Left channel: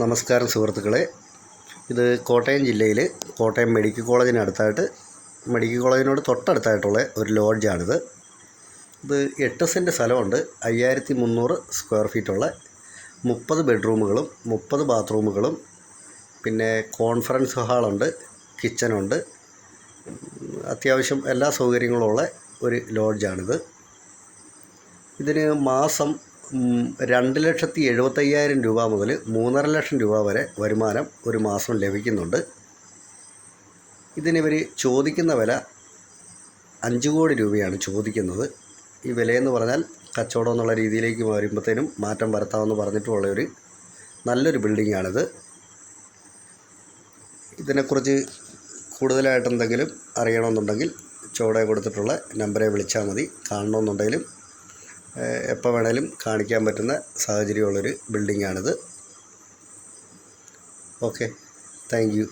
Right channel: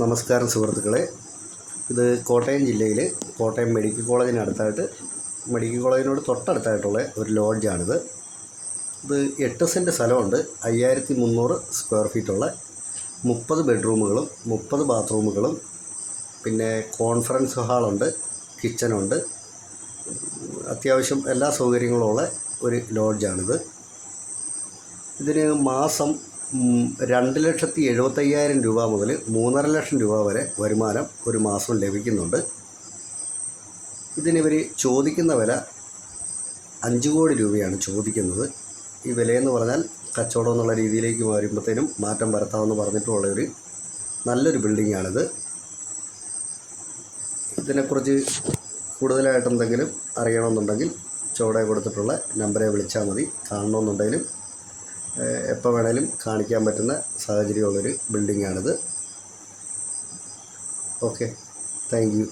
നമസ്കാരം സുഹൃത്തുക്കളെ. ഇത് കോട്ടയം ജില്ലയിൽ കോട്ടയം മെഡിക്കൽ കോളേജിന് അടുത്തായിട്ട് മെഡിക്കൽ കോളേജിനോട് തൊട്ടടുത്തായിട്ടുള്ള ഒരു ലോഡ്ജാണിത്. ഇത് എട്ട് സെന്റ് സ്ഥലമുണ്ട്. അയ്യായിരത്തി മുന്നൂറ് സ്ക്വയർ ഫീറ്റുള്ള മുപ്പത് ബെഡ്റൂമുകളും മുപ്പത് ബാത്റൂമുകളും പിന്നെ കോൺഫറൻസ് ഹാളുണ്ട് കിച്ചനുണ്ട് അത്യാവശ്യം എല്ലാ സൗകര്യങ്ങളുമുള്ള ഒരു ലോഡ്ജാണിത്. ഇതിന് മാസം രണ്ട് ലക്ഷത്തി എഴുപത്തയ്യായിരം രൂപ മുതൽ മൂന്നര ലക്ഷം രൂപ വരെ വരുമാനം ഒരു മാസം ലഭിക്കുന്നുണ്ട്. ഇതിനിവർ ചോദിക്കുന്ന വില അഞ്ച് കോടി രൂപയാണ് ചോദിക്കുന്നത്. ഈ വിലയെന്ന് പറഞ്ഞാൽ കച്ചവടം എന്നുള്ള രീതിയിലേക്ക് വരുമ്പോഴത്തേനും മാറ്റം വരുത്താമെന്ന് പറഞ്ഞിട്ടുള്ള ഒരു നല്ലൊരു ബിൽഡിങ്ങാണിത്. ഇതിനെക്കുറിച്ച് കൂടുതലായിട്ട് എന്തെങ്കിലും അറിയണമെന്നുണ്ടെങ്കിൽ ചുവടെ കൊടുത്തിട്ടുള്ള നമ്പറെ വിളിച്ചാൽ മതി. കാണണമെന്നുണ്ടെങ്കിലും എപ്പോൾ വേണേലും കാണിക്കാൻ പറ്റുന്ന സാഹചര്യമുള്ളൊരു ബിൽഡിങ്ങാണിത് ഓക്കെ താങ്ക് യു